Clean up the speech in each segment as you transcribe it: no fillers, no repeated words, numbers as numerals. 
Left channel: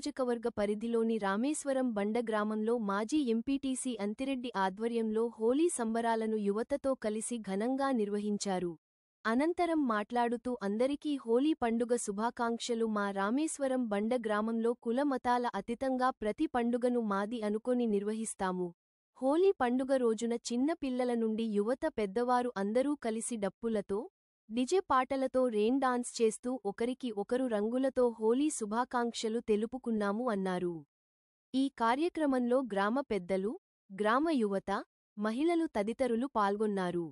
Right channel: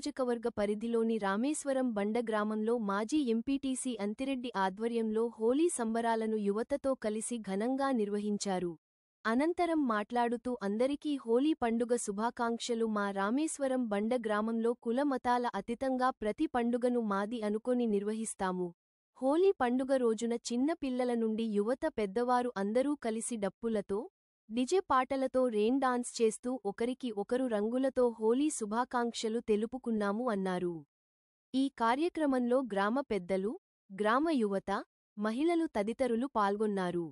నియోజకవర్గ పరిధిలోని రామేశ్వరం బండ గ్రామంలో మాజీ ఎంపీటీసీ అంతిరెడ్డి ఆధ్వర్యంలో హోలీ సంబరాలను యువతతో కలిసి ఘనంగా నిర్వహించారు. అనంతరం మాట్లాడుతూ అందరికీ హోలీ పండుగ శుభాకాంక్షలు. మా రామేశ్వరం బండ గ్రామంలో కుల మతాల అతీతంగా ప్రతి పండుగను మాది అనుకొని నిర్వహిస్తాము. హోలీ పండుగ రోజున చిన్న పిల్లల నుండి యువత పెద్దవారు అందరూ కలిసి డప్పులతో డిజే పాటలతో రెయిన్ డాన్స్ చేస్తూ ఒకరికి ఒకరు రంగులతో హోలీ శుభాకాంక్షలు తెలుపుకున్నాము అన్నారు. ఈ కార్యక్రమంలో గ్రామ పెద్దలు, గ్రామ యువత, మహిళలు తదితరులు పాల్గొన్నారు.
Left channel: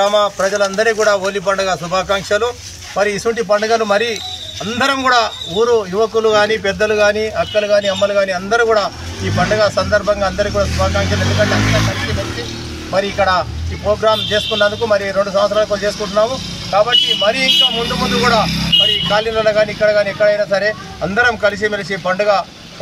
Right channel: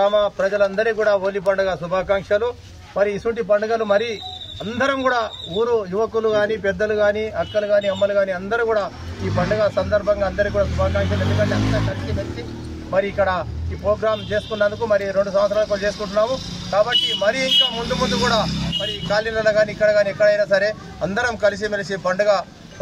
గ్రామ ప్రజలందరికీ కూడా హోలీ పండుగ శుభాకాంక్షలు. మరి ఇటువంటి పండుగలు మరి అందరం కూడా ఊరు యువకులు కానీ పెద్దలు కానీ అక్కలు కానీ అమ్మలు కానీ అందరూ కూడా ఈ పండుగ సందర్భంగా అందరికీ కూడా శుభాకాంక్షలు. ఎందుకంటే అందరూ కలిసి మరి ఇక్కడ ఈ ప్రోగ్రాం చేసుకున్నందుకు మరి 2 సంవత్సరాలు చేసుకుంటున్నాము. కాబట్టి మరి ఇంకా ముందు కూడా మరి కాలనీలలో కానీ ఇక్కడ కానీ ఎక్కడైనా సరే అందరం కలిసిమెలిసి పండుగ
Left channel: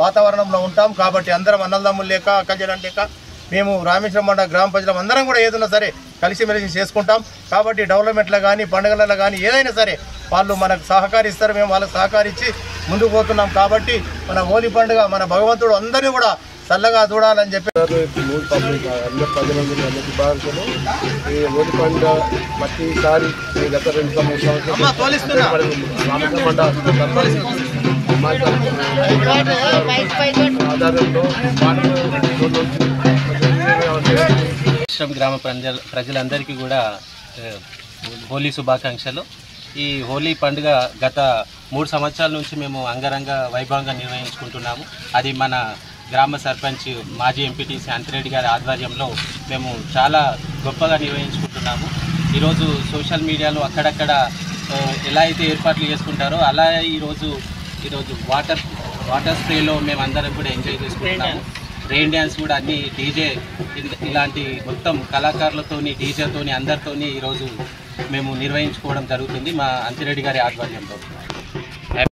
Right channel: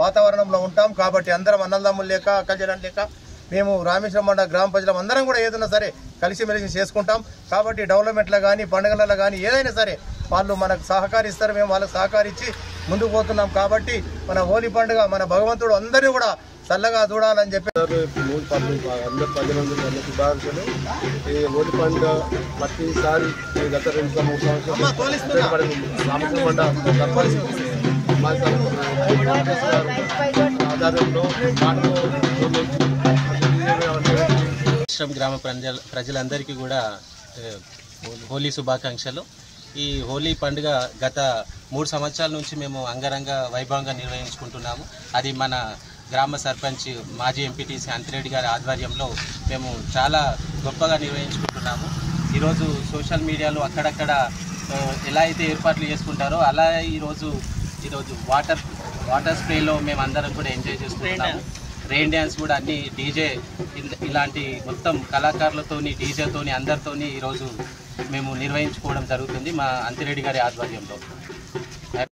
వాతావరణంలో ఉంటాం. కాబట్టి అందరం అన్నదమ్ములు లేక అక్కజనం లేక మేము రామేశ్వరం బండ గ్రామ ప్రజలం అందరం కూడా ఏదైనా సరే కలిసిమెలిసి చేసుకుంటాం. కాబట్టి డెవలప్మెంట్లో కానీ పండుగలలో కానీ ఏదైనా సరే వాళ్ళు మనకు సహకరిస్తారు, మేము వాళ్ళకి సహకరించి ముందుకు పోతున్నాం. కాబట్టి మన హోలీ పండుగ మన భగవంతుడు అందరినీ కూడా చల్లగా చూడాలని చెప్పి ప్రతిసారి గత 2 సంవత్సరాలు గ్రామ ప్రజలందరికీ కూడా హోలీ శుభాకాంక్షలు. ఈ హోలీ పండుగ గత 3 సంవత్సరాల నుంచి మేము అంగరంగ వైభవంగా నిర్వహించుకుంటున్నాము. అది మన గ్రామ సర్పంచ్ మాజీ ఎంపీటీసీ అంతిరెడ్డి గారి ఆధ్వర్యంలో మేము చాలా గొప్పగా నిర్వహించుకుంటున్నాము. ఈరోజు సోషల్ మీడియాలో అక్కడక్కడ ఎలా అయితే ఏర్పాట్లు చేసుకుంటారో అలా ఈరోజు వాటర్ స్ప్రేలో మేము అందరం కూడా ఎంజాయ్ చేసుకుంటున్నాము. రెయిన్ డ్యాన్స్ కూడా అన్ని డీజే ఇలాంటి మొత్తం కళాకారులతోని డీజేతోని అందరితోని ఈరోజు మేము నిర్వహించుకోవడం జరుగుతుంది మా అంతిరెడ్డి గారి ఆధ్వర్యంలో.